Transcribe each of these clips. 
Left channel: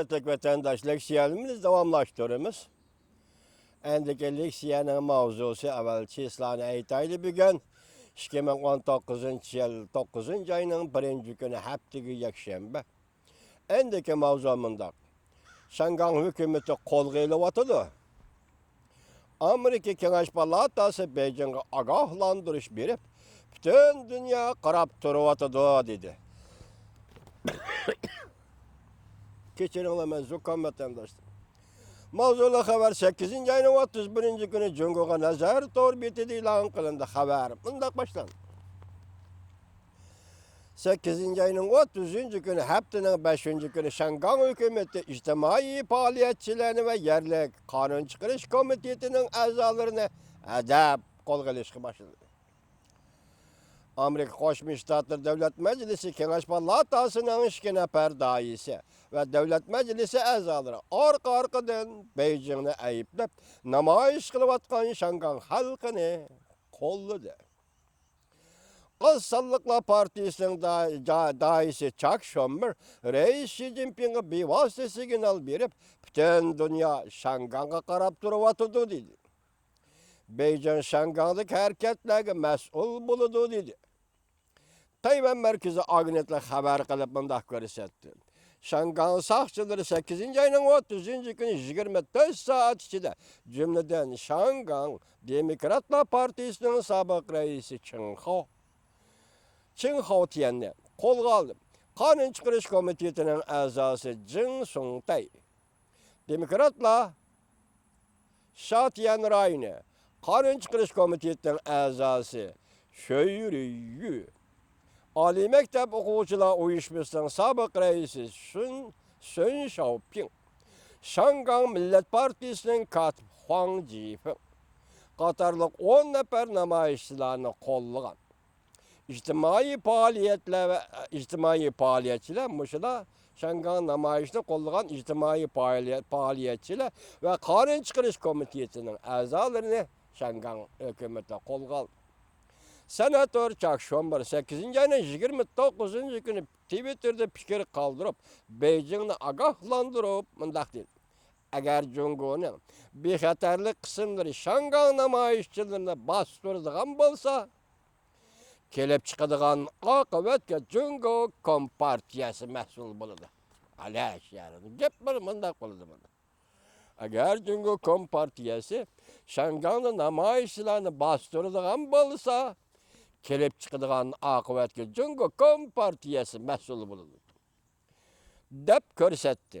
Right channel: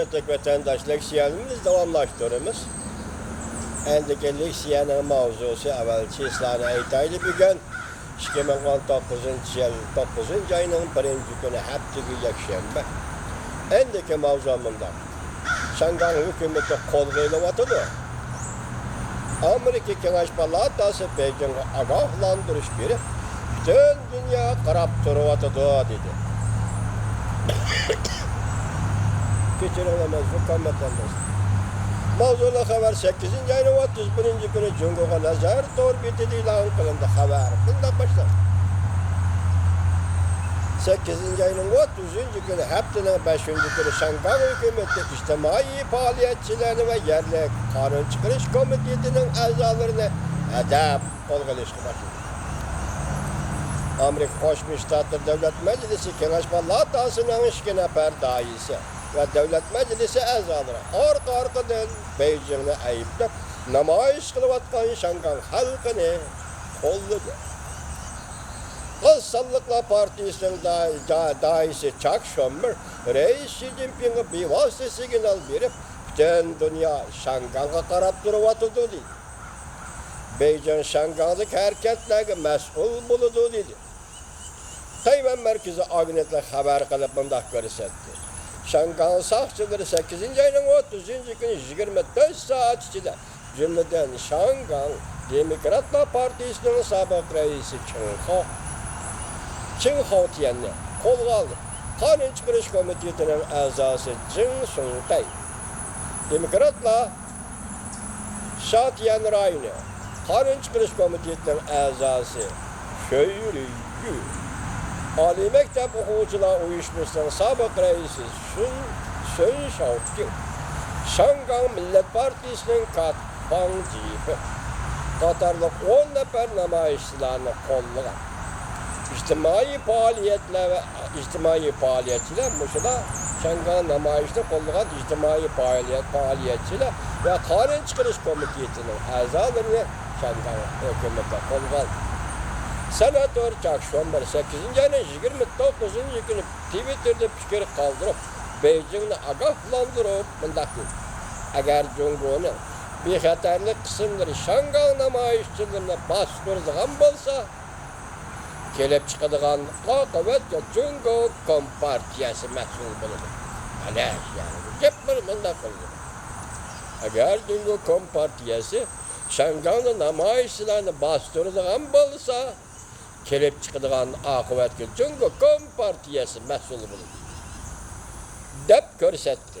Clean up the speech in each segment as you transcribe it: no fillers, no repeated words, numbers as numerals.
hürmetli vatandaşlar, siyasimiz devamlaştırımız. Endiki leksiyanın mavzusu evvelki İslam'a aytaylı bir gün 2019 yıl 9 ayının 1. günü haftaga yakshanba. Endiki mavzumunda Şangan hükümeti kol qo'yilyotidir. Amerika Kengash Palatasi Beijingga ogohlantirish berib, butun dunyo qarab turyotidi dedi. Kechiring, hukumatimiz. Mavzuli xabar 8 ayning 31 kuni Jungoga nazar to'rbeti e'lon qilindi. Xabar bunday boshlanadi. 8 ayning 30 kuni haftaning 5 kuni Shanghai hukumati ijtimoiy faoliyatchilarni va yerlik qonun chiqarish komitetining a'zolarini adab qo'lga olishga boshladi. Amerika Qo'shma Shtatlar Davlat Majlisi Kengash Palatasining 2 nafar raisi ve Devlet Meclisi a'zolari orqa-orqadan Beijingni ayıplab namoyish qilayotgan Shanghai xalqini qo'lladi. Qozsonliklar partiyasining daisi Chuck Schumer Reis Xi Jinpingga bevosita signal berib, butun dunyo Shanghaiga qarab turyotidi dedi. Beijing Shanghai'dagi harakatlarga mas'ul bo'ladi dedi. Tayvan markaziy agentlik xabar qilib bunday ko'rsatdi. Shanghai soqchilari 8 ayning 30 kuni 24 soat ichida jumladan Shanghai Demokratlar partiyasining sobiq raisi Chen Haotianni qo'lga oldi. Qonun chiqarish komitetining a'zosi Jin Sungqay Demokratlar Shatian rayoni qonun chiqarish komitetining a'zosi Shoyyu Oliy maktab o'quvchilar uyushmasining sobiq raisi Sun Shaoqing, Shanghai Millat partiyasining Katfang Jipi qatorliq 10 nafar namoyishchilarni qo'llagan. İjtimoiy faoliyatchilar mushlar Shanghai namoyishni qo'llagan ijtimoiy faoliyatchilar va qonun chiqarish komitetining a'zolarini Shanghai hukumati qo'lga oldi. Senator Chuck Schumer 8 ayning 29 kuni Twitter'da fikr qoldirib, Beijingni ogohlantirib bunday dedi. Agar Jungoning bexatarlik qismlari Shanghai namoyishchilarini bostiradigan bo'lsa, kelib chiqadigan oqibatga Jungo Kompartiyasi mas'ul bo'ladi. Alash, ya'ni gap bunday bo'ldi. Agar Jungo Kompartiyasi Shanghai namoyishchilarini bostiradigan bo'lsa, kelib chiqadigan oqibatga Jungo Kompartiyasi mas'ul bo'ladi deb ko'rsatdi.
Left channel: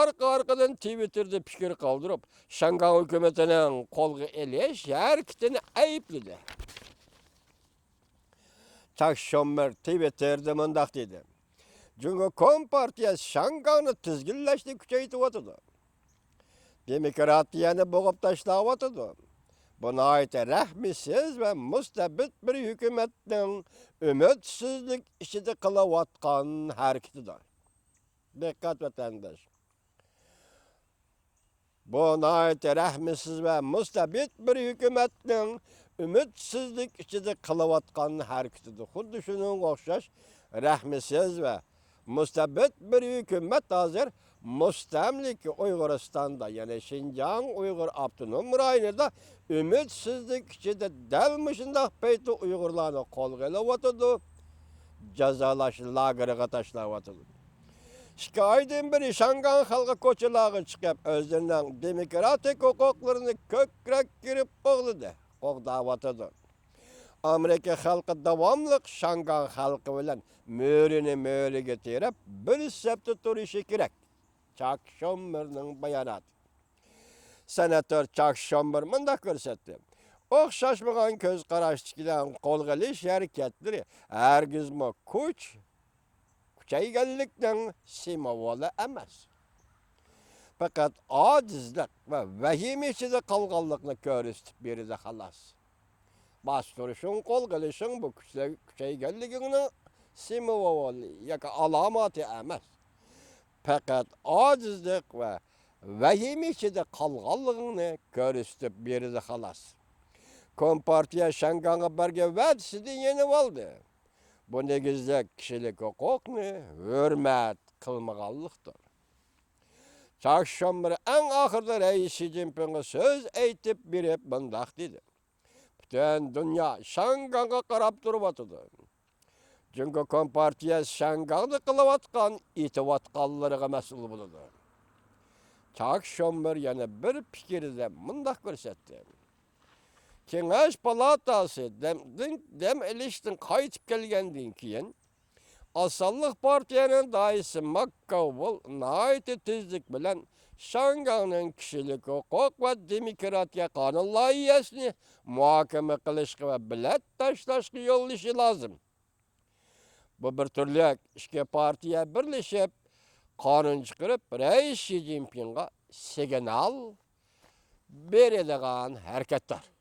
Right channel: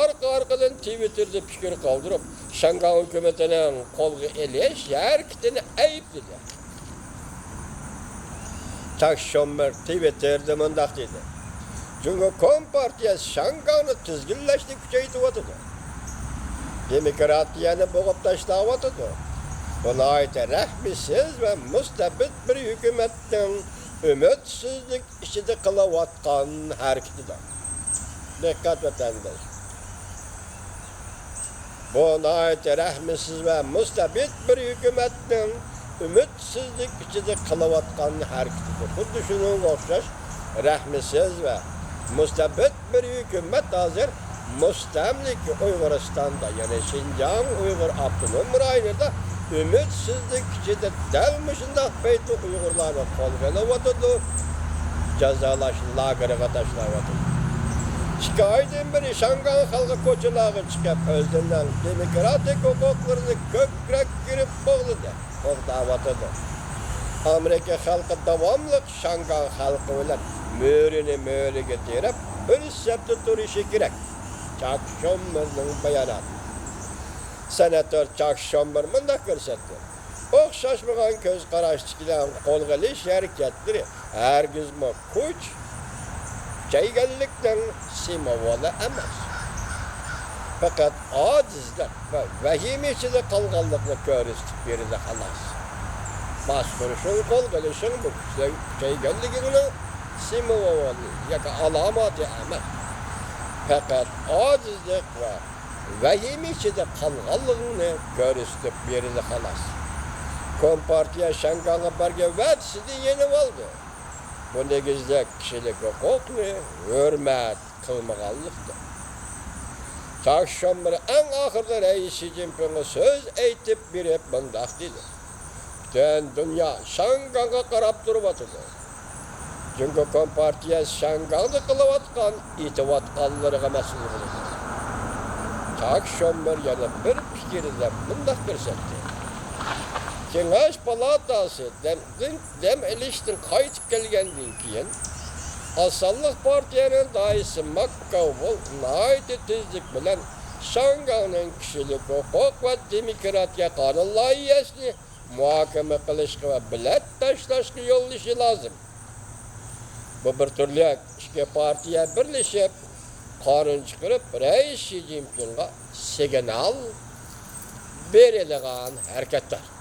Arqa-arqadan Twitter'da fikr qoldirib, Shanghai hukumatining qo'lga olish harakatini aybladi. Chuck Schumer Twitter'da bunday dedi. Jungo Kompartiyasi Shanghai'ni tizginlashni kuchaytiryotidi. Demokratiyani bo'g'ib tashlayotidi. Buna ait rahmisiz ve mustabid bir hükümetin ümitsizlik işini kılavatkan hareketidir. Dikkat vatandaş. Buna ait rahmisiz ve mustabid bir hükümetin ümitsizlik işini kılavatkan hareketidir. Bu düşünün okşaş, rahmisiz ve mustabid bir hükümet hazır mustamlik Uyguristan'da yani Şinjan Uygur Abdunum rayonunda ümitsizlik içinde delmişinde peyto Uygurlarını qo'lga olyotidu, jazolash lageriga tashlyotidu. 2 oydan beri Shanghai xalqi ko'chalarga chiqib, o'zining demokratik huquqlarini ko'krak kirib bo'g'ladi, qo'llayotidi. Amerika xalqi davomli Shanghai xalqi bilan mo'riga terib, bir sabti turishi kerak. Chuck Schumerning bayonoti. Senator Chuck Schumer bunday ko'rsatdi. O'xshashmagan ko'z qarashchilar qo'lga olish harakatlari hargizmi kuch chayganlikdan simvoli emas. Faqat ojizlik va vahima ichida qolganlikni ko'rsatib beradi xolos. Bostirishning qo'lga olishning bu chayganligining simvoli yoki alomati emas. Faqat ojizlik va vahima ichida qolganligini ko'rsatib beradi xolos. Kompartiya Shanghaiga bergan va'dasini yenib oldi. Bu negizde kişilik hukukni hürmet kılmaganlıktır. Takşam bir en ahırda Reis Xi Jinping'e söz eytip berip mındak dedi. Bütün dünya Şangang'a qarap durup oturdu. Çünkü Kompartiya Şangang'da kılıvatkan, itivatkanlarına mesul bulundu. Takşam bir yana bir fikirde mındak görsetti. Kengaş palatası dem eleştin kayıt gelgenden keyin Asallık Partiyanın daisi Makkavul naiti tezlik bilen Şangang'ın kişilik hukuk ve demokratiya kanun layihasini muhakeme kılışkı ve bilet taşlaşkı yollayışı lazım. Bu bir türlü iki partiye birleşip kanun çıkarıp Reis Xi Jinping'e signal verilgan hareketler.